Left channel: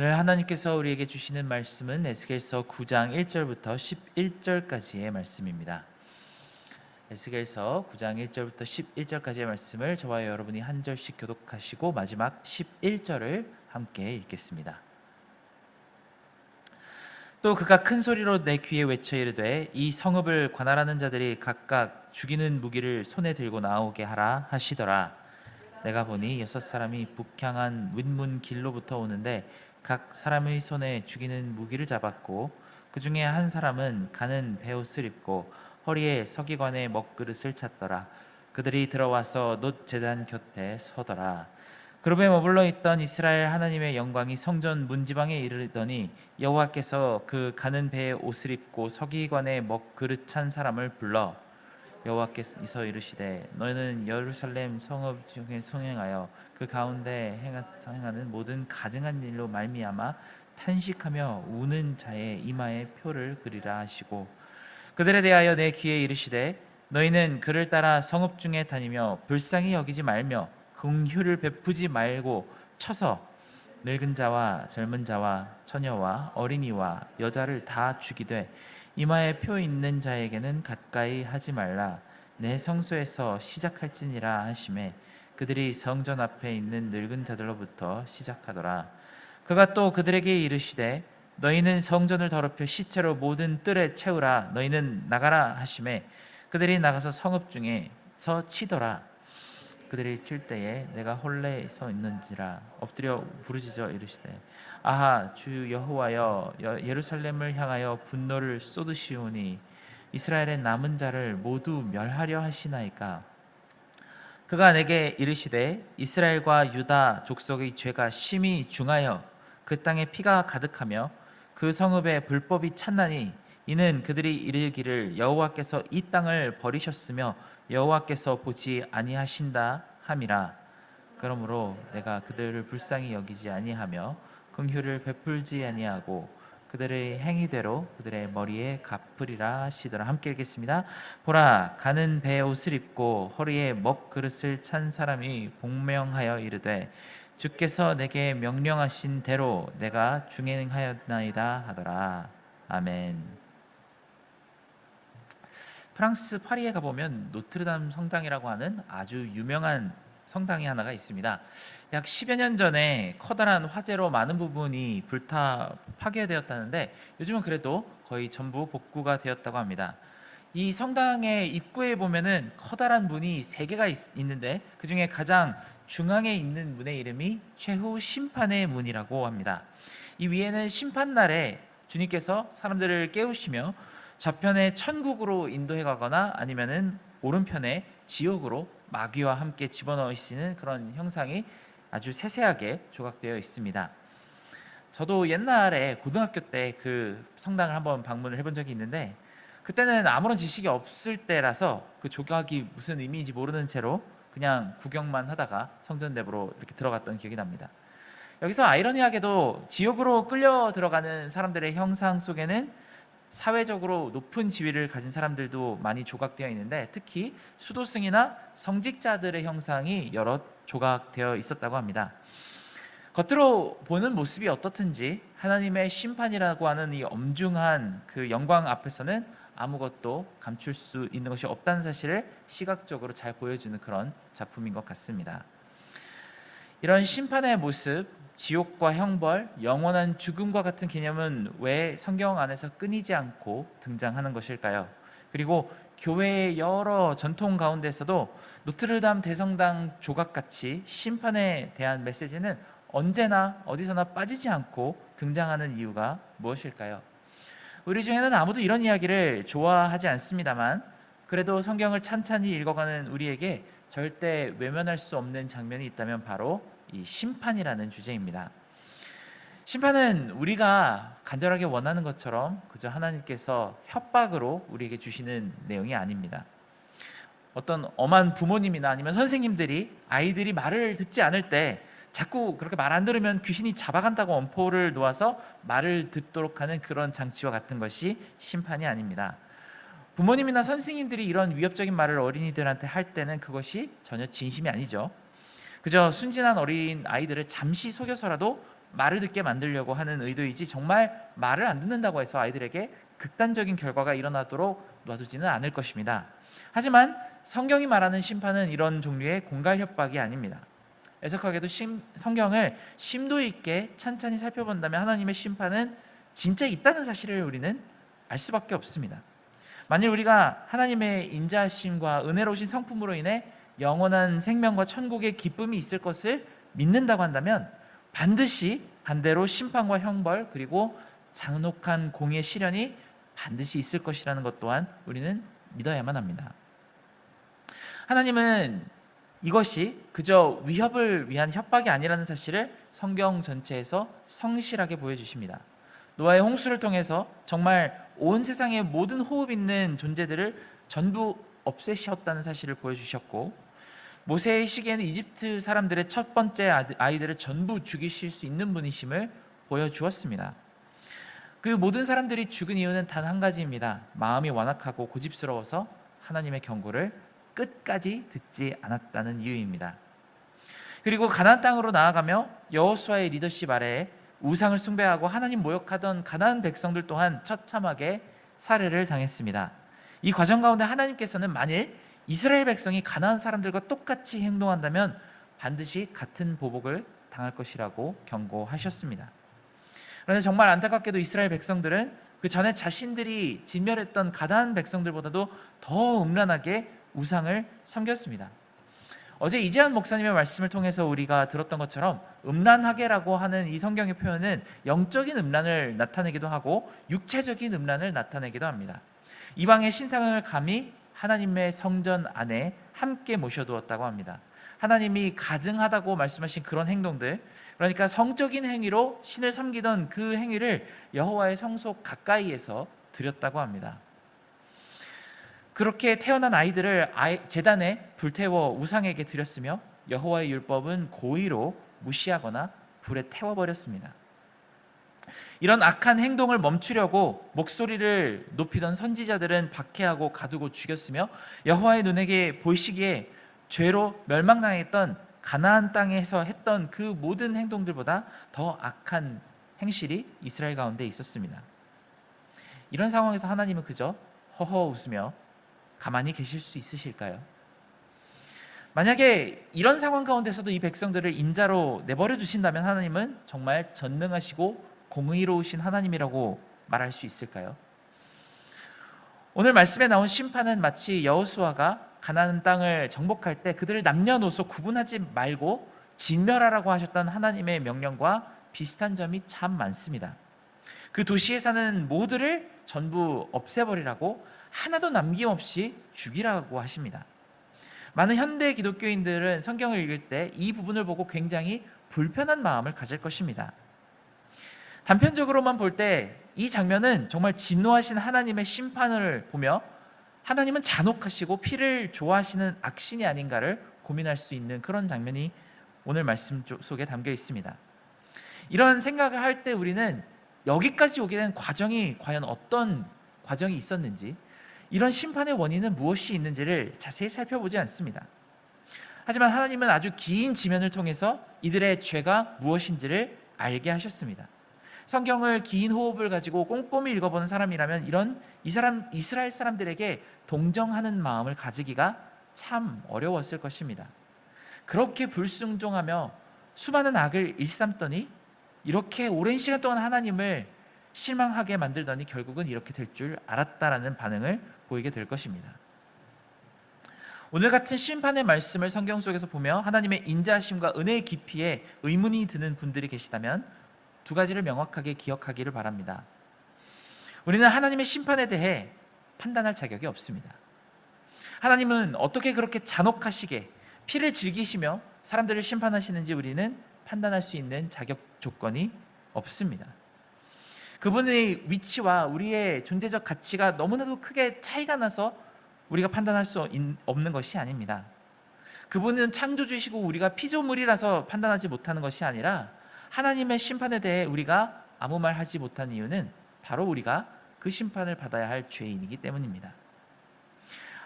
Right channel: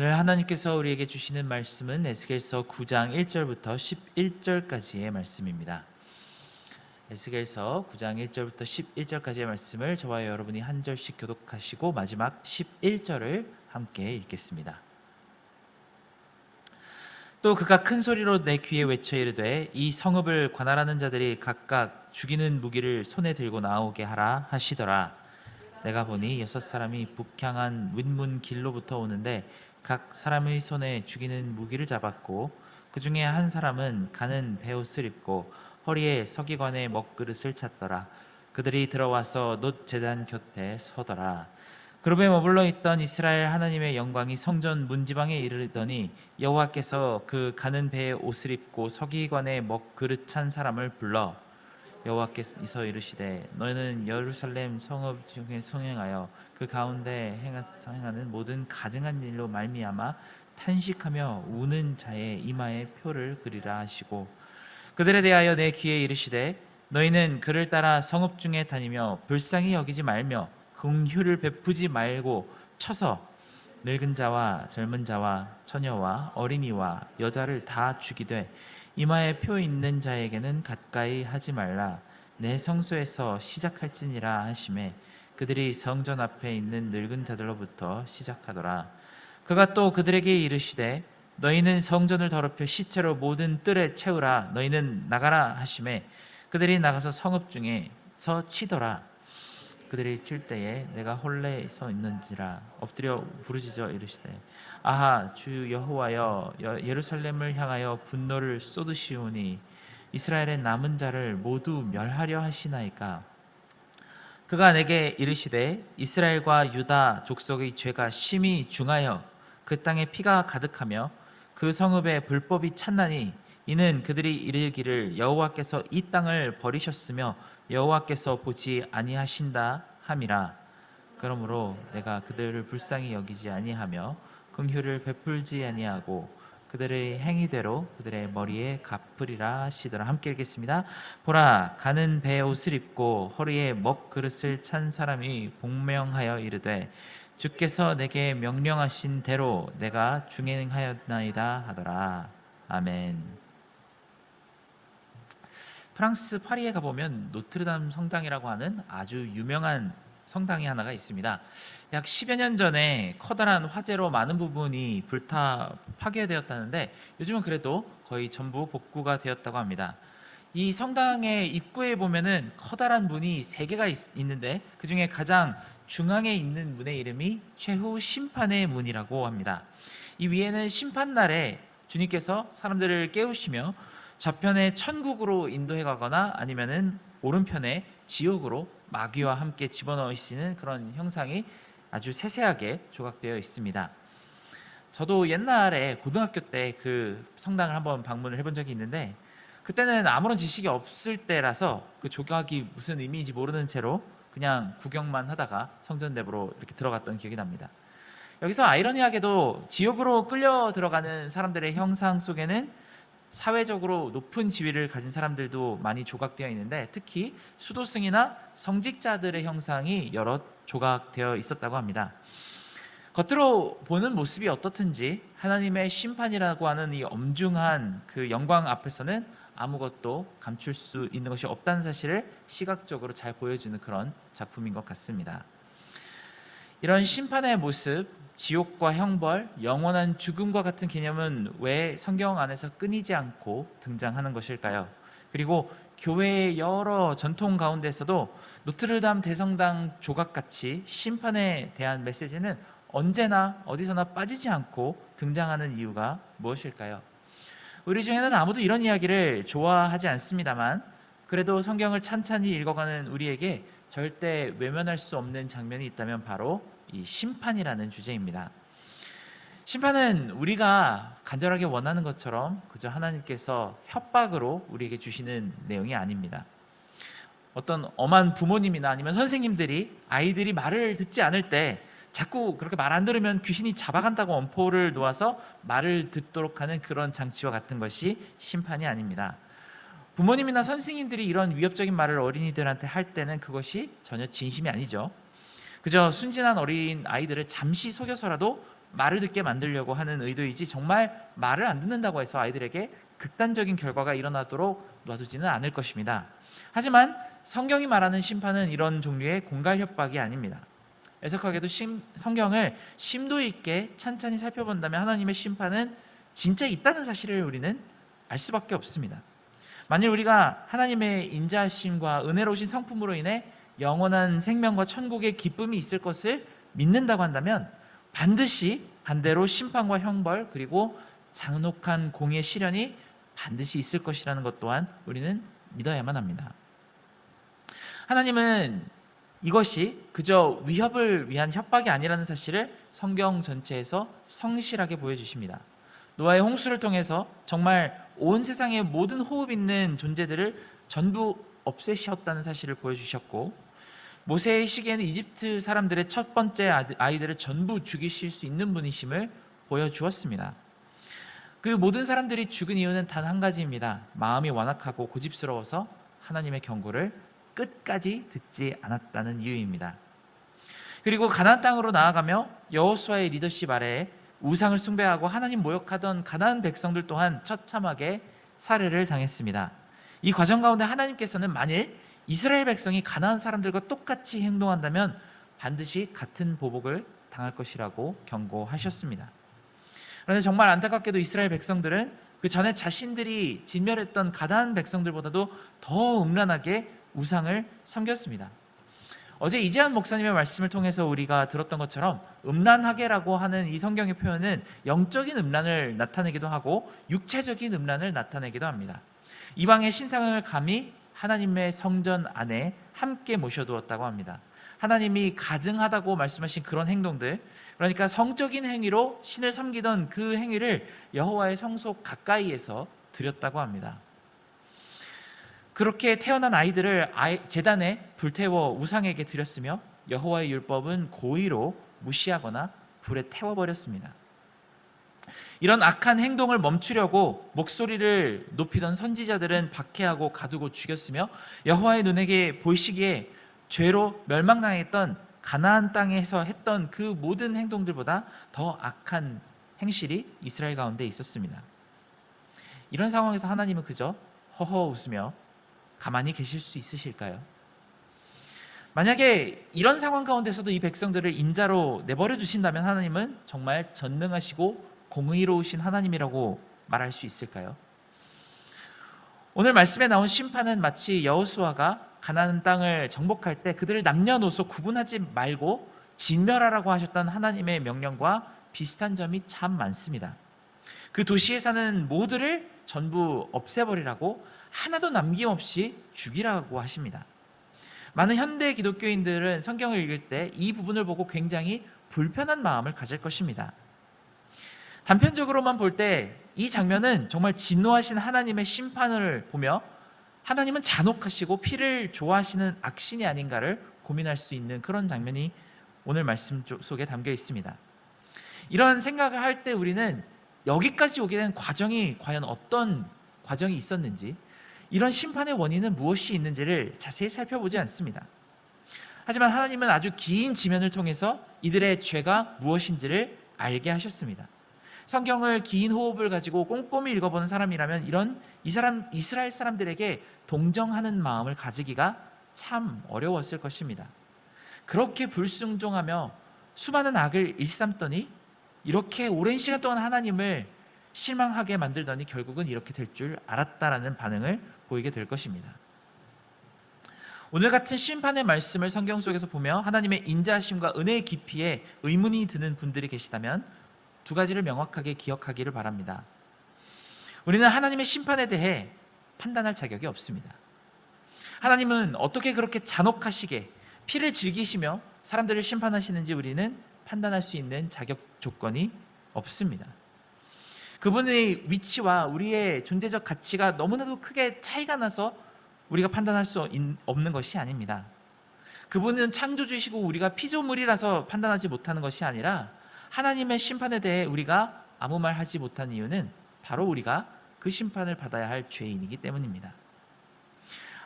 오늘 하나님께서 우리에게 주시는 말씀은 에스겔서 9장 1절부터 11절까지의 말씀입니다. 에스겔서 9장 1절부터 11절까지의 말씀을 저와 여러분이 한 절씩 교독하시고 마지막 11절을 함께 읽겠습니다. 또 그가 큰 소리로 내 귀에 외쳐 이르되 이 성읍을 관할하는 자들이 각각 죽이는 무기를 손에 들고 나오게 하라 하시더라. 내가 보니 6사람이 북향한 윗문 길로부터 오는데 각 사람의 손에 죽이는 무기를 잡았고 그 중에 한 사람은 가는 베옷을 입고 허리에 서기관의 먹그릇을 찼더라. 그들이 들어와서 놋 제단 곁에 서더라. 그룹에 머물러 있던 이스라엘 하나님의 영광이 성전 문지방에 이르더니 여호와께서 그 가는 배에 옷을 입고 서기관의 먹그릇 찬 사람을 불러 여호와께서 이르시되 너희는 예루살렘 성읍 중에 성행하여 그 가운데 행하는 모든 가증한 일로 말미암아 탄식하며 우는 자의 이마에 표를 그리라 하시고 그들에 대하여 내 귀에 이르시되 너희는 그를 따라 성읍 중에 다니며 불쌍히 여기지 말며 긍휼을 베푸지 말고 쳐서 늙은 자와 젊은 자와 처녀와 어린이와 여자를 다 죽이되 이마에 표 있는 자에게는 가까이 하지 말라. 내 성소에서 시작할지니라 하시매 그들이 성전 앞에 있는 늙은 자들로부터 시작하더라. 그가 또 그들에게 이르시되 너희는 성전을 더럽혀 시체로 모든 뜰에 채우라. 너희는 나가라 하시매 그들이 나가서 성읍 중에서 치더라. 그들이 칠 때에 내가 홀레 서 있는지라 엎드려 부르짖어 이르시되 아하 주 여호와여 예루살렘을 향하여 분노를 쏟으시오니 이스라엘의 남은 자를 모두 멸하려 하시나이까. 그가 내게 이르시되 이스라엘과 유다 족속의 죄가 심히 중하여 그 땅에 피가 가득하며 그 성읍에 불법이 찼나니 이는 그들이 이르기를 여호와께서 이 땅을 버리셨으며 여호와께서 보지 아니하신다 함이라. 그러므로 내가 그들을 불쌍히 여기지 아니하며 긍휼을 베풀지 아니하고 그들의 행위대로 그들의 머리에 갚으리라 하시더라. 함께 읽겠습니다. 보라 가는 배 옷을 입고 허리에 먹그릇을 찬 사람이 복명하여 이르되 주께서 내게 명령하신 대로 내가 중행하였나이다 하더라. 아멘. 프랑스 파리에 가보면 노트르담 성당이라고 하는 아주 유명한 성당이 하나가 있습니다. 약 10여 년 전에 커다란 화재로 많은 부분이 불타 파괴되었다는데 요즘은 그래도 거의 전부 복구가 되었다고 합니다. 이 성당의 입구에 보면은 커다란 문이 3개가 있는데 그 중에 가장 중앙에 있는 문의 이름이 최후 심판의 문이라고 합니다. 이 위에는 심판날에 주님께서 사람들을 깨우시며 좌편에 천국으로 인도해 가거나 아니면은 오른편에 지옥으로 마귀와 함께 집어넣으시는 그런 형상이 아주 세세하게 조각되어 있습니다. 저도 옛날에 고등학교 때 그 성당을 한번 방문을 해본 적이 있는데 그때는 아무런 지식이 없을 때라서 그 조각이 무슨 의미인지 모르는 채로 그냥 구경만 하다가 성전 내부로 이렇게 들어갔던 기억이 납니다. 여기서 아이러니하게도 지옥으로 끌려 들어가는 사람들의 형상 속에는 사회적으로 높은 지위를 가진 사람들도 많이 조각되어 있는데 특히 수도승이나 성직자들의 형상이 여러 조각되어 있었다고 합니다. 겉으로 보는 모습이 어떻든지 하나님의 심판이라고 하는 이 엄중한 그 영광 앞에서는 아무것도 감출 수 있는 것이 없다는 사실을 시각적으로 잘 보여주는 그런 작품인 것 같습니다. 이런 심판의 모습, 지옥과 형벌, 영원한 죽음과 같은 개념은 왜 성경 안에서 끊이지 않고 등장하는 것일까요? 그리고 교회의 여러 전통 가운데서도 노트르담 대성당 조각같이 심판에 대한 메시지는 언제나 어디서나 빠지지 않고 등장하는 이유가 무엇일까요? 우리 중에는 아무도 이런 이야기를 좋아하지 않습니다만 그래도 성경을 찬찬히 읽어가는 우리에게 절대 외면할 수 없는 장면이 있다면 바로 이 심판이라는 주제입니다. 심판은 우리가 간절하게 원하는 것처럼 그저 하나님께서 협박으로 우리에게 주시는 내용이 아닙니다. 어떤 엄한 부모님이나 아니면 선생님들이 아이들이 말을 듣지 않을 때 자꾸 그렇게 말 안 들으면 귀신이 잡아간다고 엄포를 놓아서 말을 듣도록 하는 그런 장치와 같은 것이 심판이 아닙니다. 부모님이나 선생님들이 이런 위협적인 말을 어린이들한테 할 때는 그것이 전혀 진심이 아니죠. 그저 순진한 어린 아이들을 잠시 속여서라도 말을 듣게 만들려고 하는 의도이지 정말 말을 안 듣는다고 해서 아이들에게 극단적인 결과가 일어나도록 놔두지는 않을 것입니다. 하지만 성경이 말하는 심판은 이런 종류의 공갈 협박이 아닙니다. 애석하게도 성경을 심도 있게 찬찬히 살펴본다면 하나님의 심판은 진짜 있다는 사실을 우리는 알 수밖에 없습니다. 만일 우리가 하나님의 인자하심과 은혜로우신 성품으로 인해 영원한 생명과 천국의 기쁨이 있을 것을 믿는다고 한다면 반드시 반대로 심판과 형벌 그리고 잔혹한 공의 시련이 반드시 있을 것이라는 것 또한 우리는 믿어야만 합니다. 하나님은 이것이 그저 위협을 위한 협박이 아니라는 사실을 성경 전체에서 성실하게 보여주십니다. 노아의 홍수를 통해서 정말 온 세상의 모든 호흡 있는 존재들을 전부 없애셨다는 사실을 보여주셨고, 모세의 시기에는 이집트 사람들의 첫 번째 아이들을 전부 죽이실 수 있는 분이심을 보여주었습니다. 그 모든 사람들이 죽은 이유는 단 한 가지입니다. 마음이 완악하고 고집스러워서 하나님의 경고를 끝까지 듣지 않았다는 이유입니다. 그리고 가나안 땅으로 나아가며 여호수아의 리더십 아래에 우상을 숭배하고 하나님 모욕하던 가나안 백성들 또한 처참하게 살해를 당했습니다. 이 과정 가운데 하나님께서는 만일 이스라엘 백성이 가나안 사람들과 똑같이 행동한다면 반드시 같은 보복을 당할 것이라고 경고하셨습니다. 그런데 정말 안타깝게도 이스라엘 백성들은 그 전에 자신들이 진멸했던 가나안 백성들보다도 더 음란하게 우상을 섬겼습니다. 어제 이재한 목사님의 말씀을 통해서 우리가 들었던 것처럼 음란하게라고 하는 이 성경의 표현은 영적인 음란을 나타내기도 하고 육체적인 음란을 나타내기도 합니다. 이방의 신상을 감히 하나님의 성전 안에 함께 모셔두었다고 합니다. 하나님이 가증하다고 말씀하신 그런 행동들, 그러니까 성적인 행위로 신을 섬기던 그 행위를 여호와의 성소 가까이에서 드렸다고 합니다. 그렇게 태어난 아이들을 제단에 불태워 우상에게 드렸으며 여호와의 율법은 고의로 무시하거나 불에 태워버렸습니다. 이런 악한 행동을 멈추려고 목소리를 높이던 선지자들은 박해하고 가두고 죽였으며 여호와의 눈에게 보이시기에 죄로 멸망당했던 가나안 땅에서 했던 그 모든 행동들보다 더 악한 행실이 이스라엘 가운데 있었습니다. 이런 상황에서 하나님은 그저 허허 웃으며 가만히 계실 수 있으실까요? 만약에 이런 상황 가운데서도 이 백성들을 인자로 내버려 두신다면 하나님은 정말 전능하시고 공의로우신 하나님이라고 말할 수 있을까요? 오늘 말씀에 나온 심판은 마치 여호수아가 가나안 땅을 정복할 때 그들을 남녀노소 구분하지 말고 진멸하라고 하셨던 하나님의 명령과 비슷한 점이 참 많습니다. 그 도시에 사는 모두를 전부 없애버리라고 하나도 남김없이 죽이라고 하십니다. 많은 현대 기독교인들은 성경을 읽을 때 이 부분을 보고 굉장히 불편한 마음을 가질 것입니다. 단편적으로만 볼 때 이 장면은 정말 진노하신 하나님의 심판을 보며 하나님은 잔혹하시고 피를 좋아하시는 악신이 아닌가를 고민할 수 있는 그런 장면이 오늘 말씀 속에 담겨 있습니다. 이런 생각을 할 때 우리는 여기까지 오게 된 과정이 과연 어떤 과정이 있었는지, 이런 심판의 원인은 무엇이 있는지를 자세히 살펴보지 않습니다. 하지만 하나님은 아주 긴 지면을 통해서 이들의 죄가 무엇인지를 알게 하셨습니다. 성경을 긴 호흡을 가지고 꼼꼼히 읽어보는 사람이라면 이스라엘 사람들에게 동정하는 마음을 가지기가 참 어려웠을 것입니다. 그렇게 불순종하며 수많은 악을 일삼더니 이렇게 오랜 시간 동안 하나님을 실망하게 만들더니 결국은 이렇게 될 줄 알았다라는 반응을 보이게 될 것입니다. 오늘 같은 심판의 말씀을 성경 속에서 보며 하나님의 인자하심과 은혜의 깊이에 의문이 드는 분들이 계시다면 두 가지를 명확하게 기억하기를 바랍니다. 우리는 하나님의 심판에 대해 판단할 자격이 없습니다. 하나님은 어떻게 그렇게 잔혹하시게 피를 즐기시며 사람들을 심판하시는지 우리는 판단할 수 있는 자격 조건이 없습니다. 그분의 위치와 우리의 존재적 가치가 너무나도 크게 차이가 나서 우리가 판단할 수 없는 것이 아닙니다. 그분은 창조주시고 우리가 피조물이라서 판단하지 못하는 것이 아니라 하나님의 심판에 대해 우리가 아무 말 하지 못한 이유는 바로 우리가 그 심판을 받아야 할 죄인이기 때문입니다.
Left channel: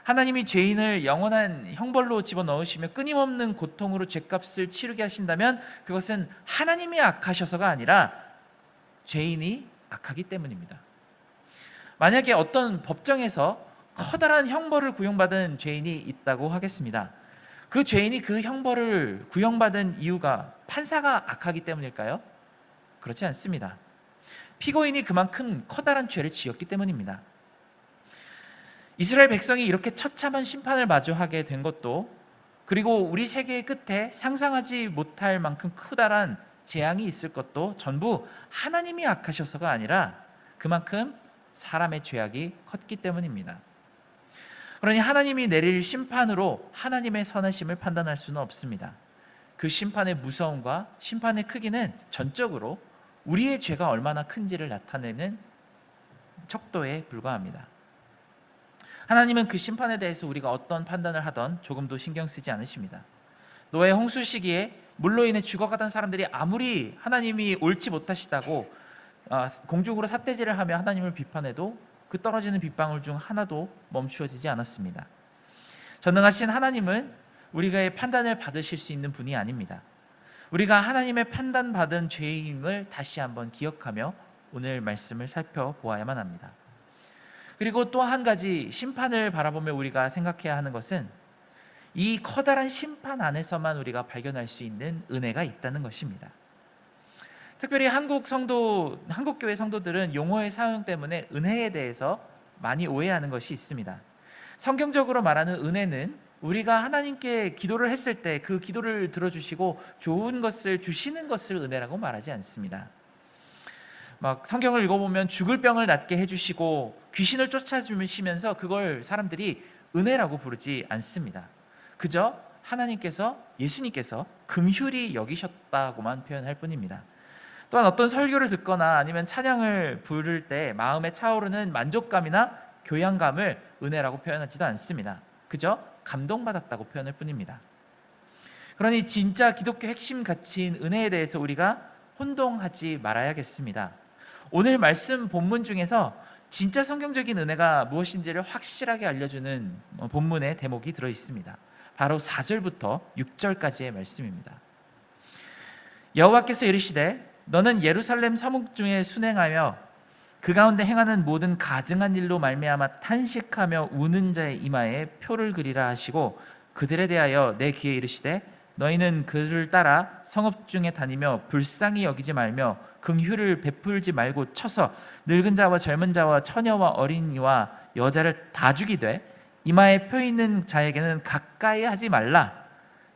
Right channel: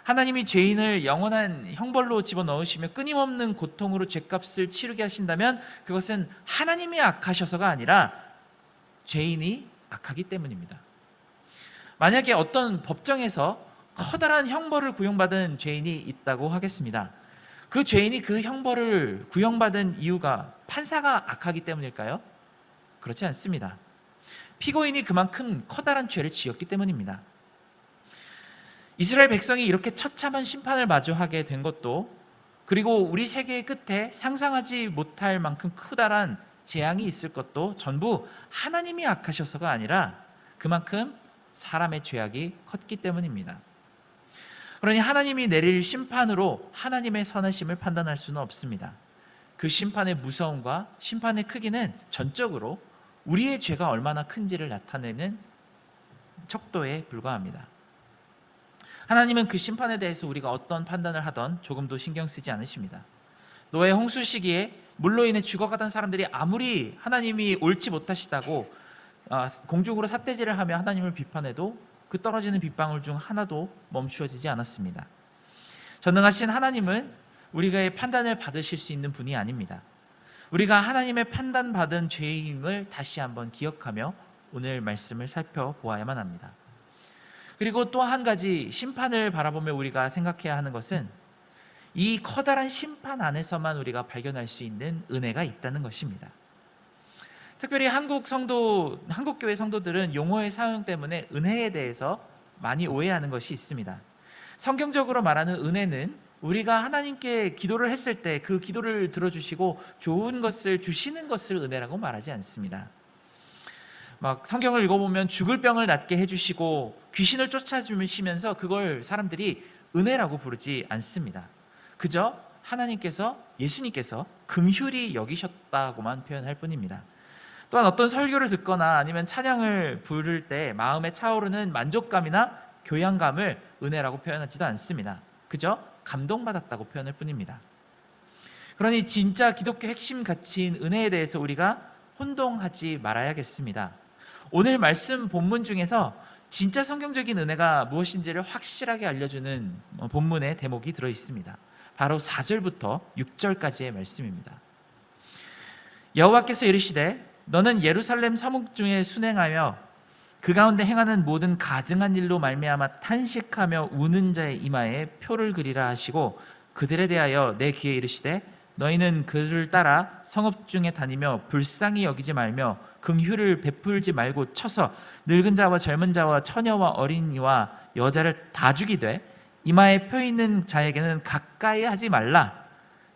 하나님이 죄인을 영원한 형벌로 집어넣으시며 끊임없는 고통으로 죄값을 치르게 하신다면 그것은 하나님이 악하셔서가 아니라 죄인이 악하기 때문입니다. 만약에 어떤 법정에서 커다란 형벌을 구형받은 죄인이 있다고 하겠습니다. 그 죄인이 그 형벌을 구형받은 이유가 판사가 악하기 때문일까요? 그렇지 않습니다. 피고인이 그만큼 커다란 죄를 지었기 때문입니다. 이스라엘 백성이 이렇게 처참한 심판을 마주하게 된 것도, 그리고 우리 세계의 끝에 상상하지 못할 만큼 커다란 재앙이 있을 것도 전부 하나님이 악하셔서가 아니라 그만큼 사람의 죄악이 컸기 때문입니다. 그러니 하나님이 내릴 심판으로 하나님의 선하심을 판단할 수는 없습니다. 그 심판의 무서움과 심판의 크기는 전적으로 우리의 죄가 얼마나 큰지를 나타내는 척도에 불과합니다. 하나님은 그 심판에 대해서 우리가 어떤 판단을 하던 조금도 신경 쓰지 않으십니다. 노아 홍수 시기에 물로 인해 죽어가던 사람들이 아무리 하나님이 옳지 못하시다고 공중으로 삿대질을 하며 하나님을 비판해도 그 떨어지는 빗방울 중 하나도 멈추어지지 않았습니다. 전능하신 하나님은 우리가 판단을 받으실 수 있는 분이 아닙니다. 우리가 하나님의 판단받은 죄임을 다시 한번 기억하며 오늘 말씀을 살펴보아야만 합니다. 그리고 또 한 가지 심판을 바라보며 우리가 생각해야 하는 것은 이 커다란 심판 안에서만 우리가 발견할 수 있는 은혜가 있다는 것입니다. 특별히 한국교회 성도들은 용어의 사용 때문에 은혜에 대해서 많이 오해하는 것이 있습니다. 성경적으로 말하는 은혜는 우리가 하나님께 기도를 했을 때 그 기도를 들어주시고 좋은 것을 주시는 것을 은혜라고 말하지 않습니다. 막 성경을 읽어보면 죽을 병을 낫게 해주시고 귀신을 쫓아주시면서 그걸 사람들이 은혜라고 부르지 않습니다. 그저 하나님께서, 예수님께서 긍휼히 여기셨다고만 표현할 뿐입니다. 또한 어떤 설교를 듣거나 아니면 찬양을 부를 때 마음에 차오르는 만족감이나 교양감을 은혜라고 표현하지도 않습니다. 그저 감동받았다고 표현할 뿐입니다. 그러니 진짜 기독교 핵심 가치인 은혜에 대해서 우리가 혼동하지 말아야겠습니다. 오늘 말씀 본문 중에서 진짜 성경적인 은혜가 무엇인지를 확실하게 알려주는 본문의 대목이 들어있습니다. 바로 4절부터 6절까지의 말씀입니다. 여호와께서 이르시되 너는 예루살렘 서목 중에 순행하여 그 가운데 행하는 모든 가증한 일로 말미암아 탄식하며 우는 자의 이마에 표를 그리라 하시고 그들에 대하여 내 귀에 이르시되 너희는 그를 따라 성읍 중에 다니며 불쌍히 여기지 말며 긍휼을 베풀지 말고 쳐서 늙은 자와 젊은 자와 처녀와 어린이와 여자를 다 죽이되 이마에 표 있는 자에게는 가까이 하지 말라.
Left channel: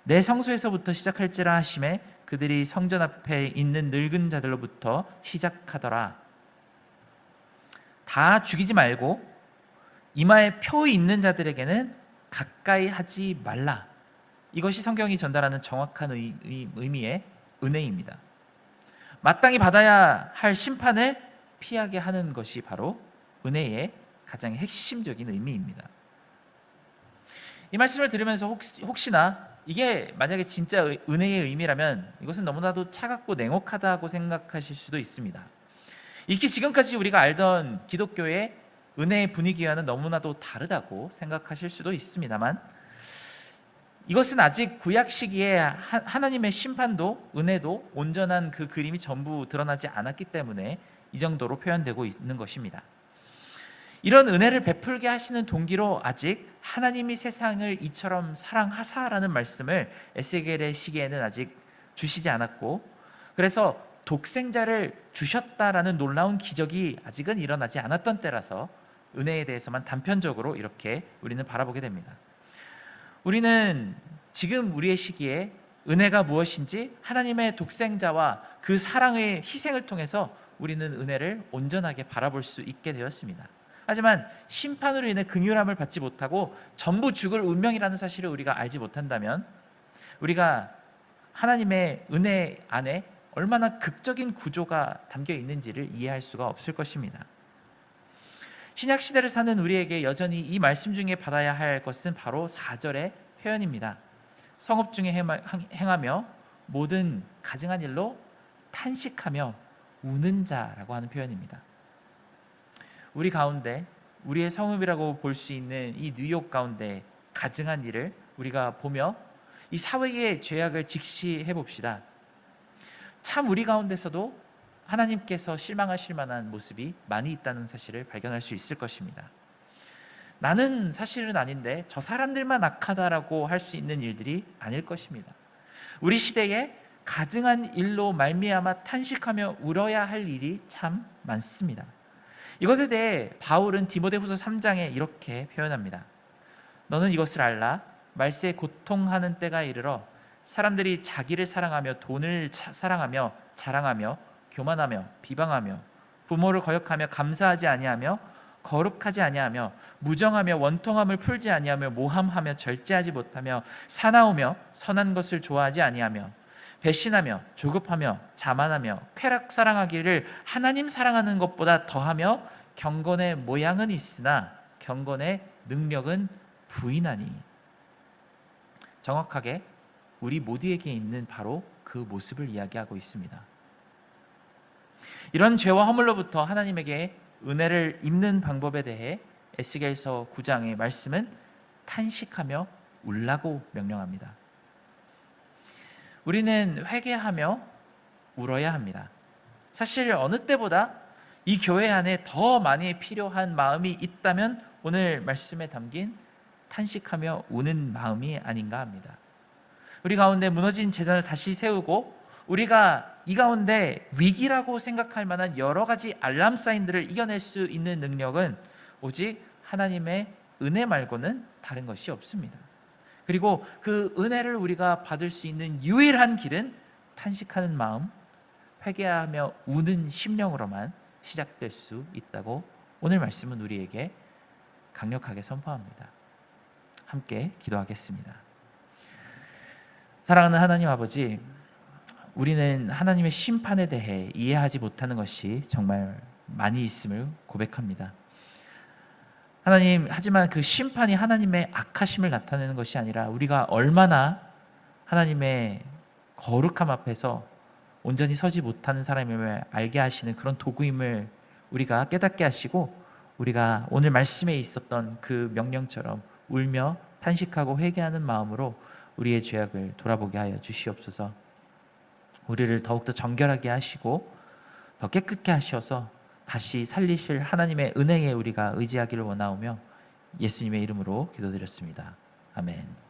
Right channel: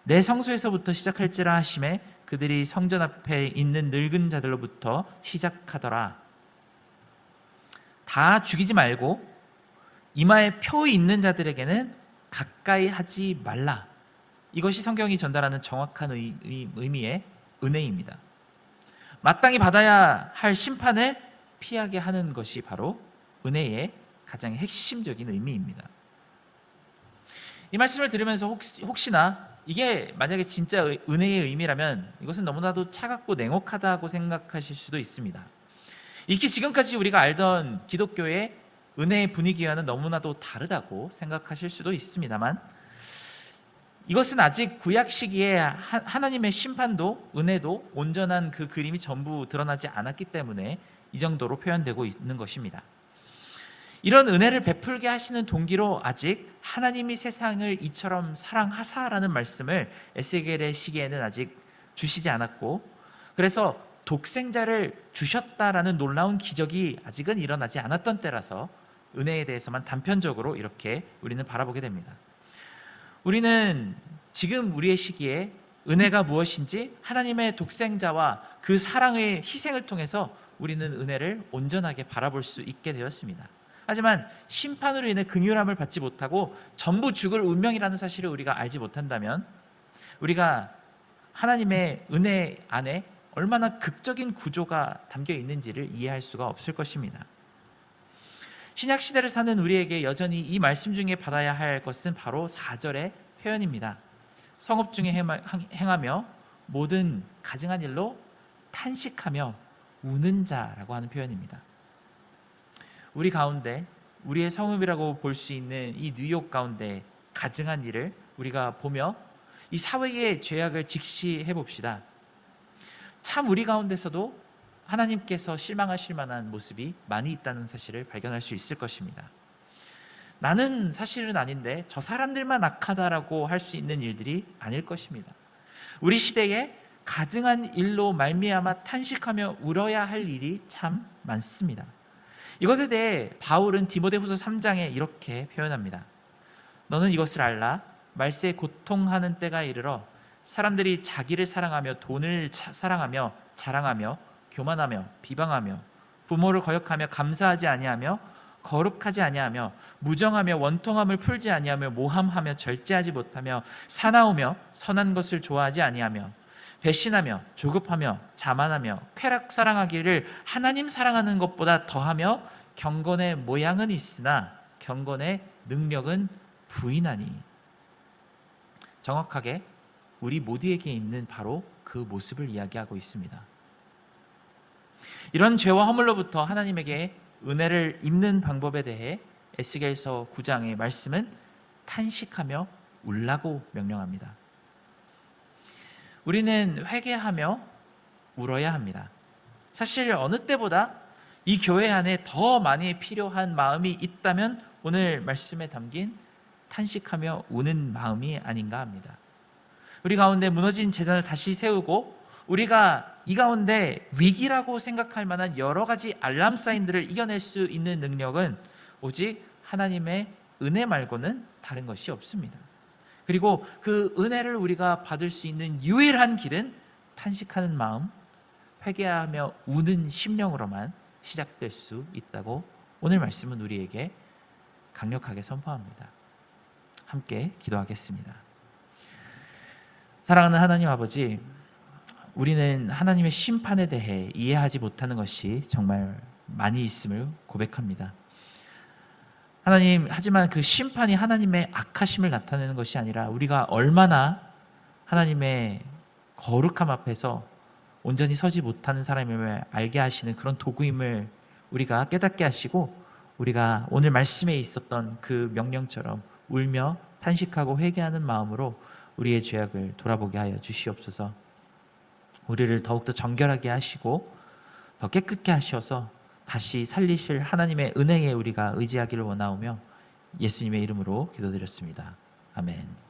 내 성소에서부터 시작할지라 하심에 그들이 성전 앞에 있는 늙은 자들로부터 시작하더라. 다 죽이지 말고 이마에 표 있는 자들에게는 가까이 하지 말라. 이것이 성경이 전달하는 정확한 의미의 은혜입니다. 마땅히 받아야 할 심판을 피하게 하는 것이 바로 은혜의 가장 핵심적인 의미입니다. 이 말씀을 들으면서 혹시나 이게 만약에 진짜 은혜의 의미라면 이것은 너무나도 차갑고 냉혹하다고 생각하실 수도 있습니다. 이렇게 지금까지 우리가 알던 기독교의 은혜의 분위기와는 너무나도 다르다고 생각하실 수도 있습니다만, 이것은 아직 구약 시기에 하나님의 심판도 은혜도 온전한 그 그림이 전부 드러나지 않았기 때문에 이 정도로 표현되고 있는 것입니다. 이런 은혜를 베풀게 하시는 동기로 아직 하나님이 세상을 이처럼 사랑하사라는 말씀을 에스겔의 시기에는 아직 주시지 않았고, 그래서 독생자를 주셨다라는 놀라운 기적이 아직은 일어나지 않았던 때라서 은혜에 대해서만 단편적으로 이렇게 우리는 바라보게 됩니다. 우리는 지금 우리의 시기에 은혜가 무엇인지 하나님의 독생자와 그 사랑의 희생을 통해서 우리는 은혜를 온전하게 바라볼 수 있게 되었습니다. 하지만 심판으로 인해 긍휼함을 받지 못하고 전부 죽을 운명이라는 사실을 우리가 알지 못한다면 우리가 하나님의 은혜 안에 얼마나 극적인 구조가 담겨 있는지를 이해할 수가 없을 것입니다. 신약 시대를 사는 우리에게 여전히 이 말씀 중에 받아야 할 것은 바로 4절의 표현입니다. 성읍 중에 행하며 모든 가증한 일로 탄식하며 우는 자라고 하는 표현입니다. 우리 가운데 우리의 성읍이라고 볼 수 있는 이 뉴욕 가운데 가증한 일을 우리가 보며 이 사회의 죄악을 직시해 봅시다. 참 우리 가운데서도 하나님께서 실망하실 만한 모습이 많이 있다는 사실을 발견할 수 있을 것입니다. 나는 사실은 아닌데 저 사람들만 악하다라고 할 수 있는 일들이 아닐 것입니다. 우리 시대에 가증한 일로 말미암아 탄식하며 울어야 할 일이 참 많습니다. 이것에 대해 바울은 디모데후서 3장에 이렇게 표현합니다. 너는 이것을 알라. 말세에 고통하는 때가 이르러 사람들이 자기를 사랑하며 돈을 사랑하며 자랑하며 교만하며 비방하며 부모를 거역하며 감사하지 아니하며 거룩하지 아니하며 무정하며 원통함을 풀지 아니하며 모함하며 절제하지 못하며 사나우며 선한 것을 좋아하지 아니하며 배신하며 조급하며 자만하며 쾌락 사랑하기를 하나님 사랑하는 것보다 더하며 경건의 모양은 있으나 경건의 능력은 부인하니. 정확하게 우리 모두에게 있는 바로 그 모습을 이야기하고 있습니다. 이런 죄와 허물로부터 하나님에게 은혜를 입는 방법에 대해 에스겔서 9장의 말씀은 탄식하며 울라고 명령합니다. 우리는 회개하며 울어야 합니다. 사실 어느 때보다 이 교회 안에 더 많이 필요한 마음이 있다면 오늘 말씀에 담긴 탄식하며 우는 마음이 아닌가 합니다. 우리 가운데 무너진 재단을 다시 세우고 우리가 이 가운데 위기라고 생각할 만한 여러 가지 알람 사인들을 이겨낼 수 있는 능력은 오직 하나님의 은혜 말고는 다른 것이 없습니다. 그리고 그 은혜를 우리가 받을 수 있는 유일한 길은 탄식하는 마음, 회개하며 우는 심령으로만 시작될 수 있다고 오늘 말씀은 우리에게 강력하게 선포합니다. 함께 기도하겠습니다. 사랑하는 하나님 아버지, 우리는 하나님의 심판에 대해 이해하지 못하는 것이 정말 많이 있음을 고백합니다. 하나님, 하지만 그 심판이 하나님의 악하심을 나타내는 것이 아니라 우리가 얼마나 하나님의 거룩함 앞에서 온전히 서지 못하는 사람임을 알게 하시는 그런 도구임을 우리가 깨닫게 하시고, 우리가 오늘 말씀에 있었던 그 명령처럼 울며 탄식하고 회개하는 마음으로 우리의 죄악을 돌아보게 하여 주시옵소서. 우리를 더욱더 정결하게 하시고 더 깨끗게 하셔서 다시 살리실 하나님의 은혜에 우리가 의지하기를 원하오며 예수님의 이름으로 기도드렸습니다. 아멘.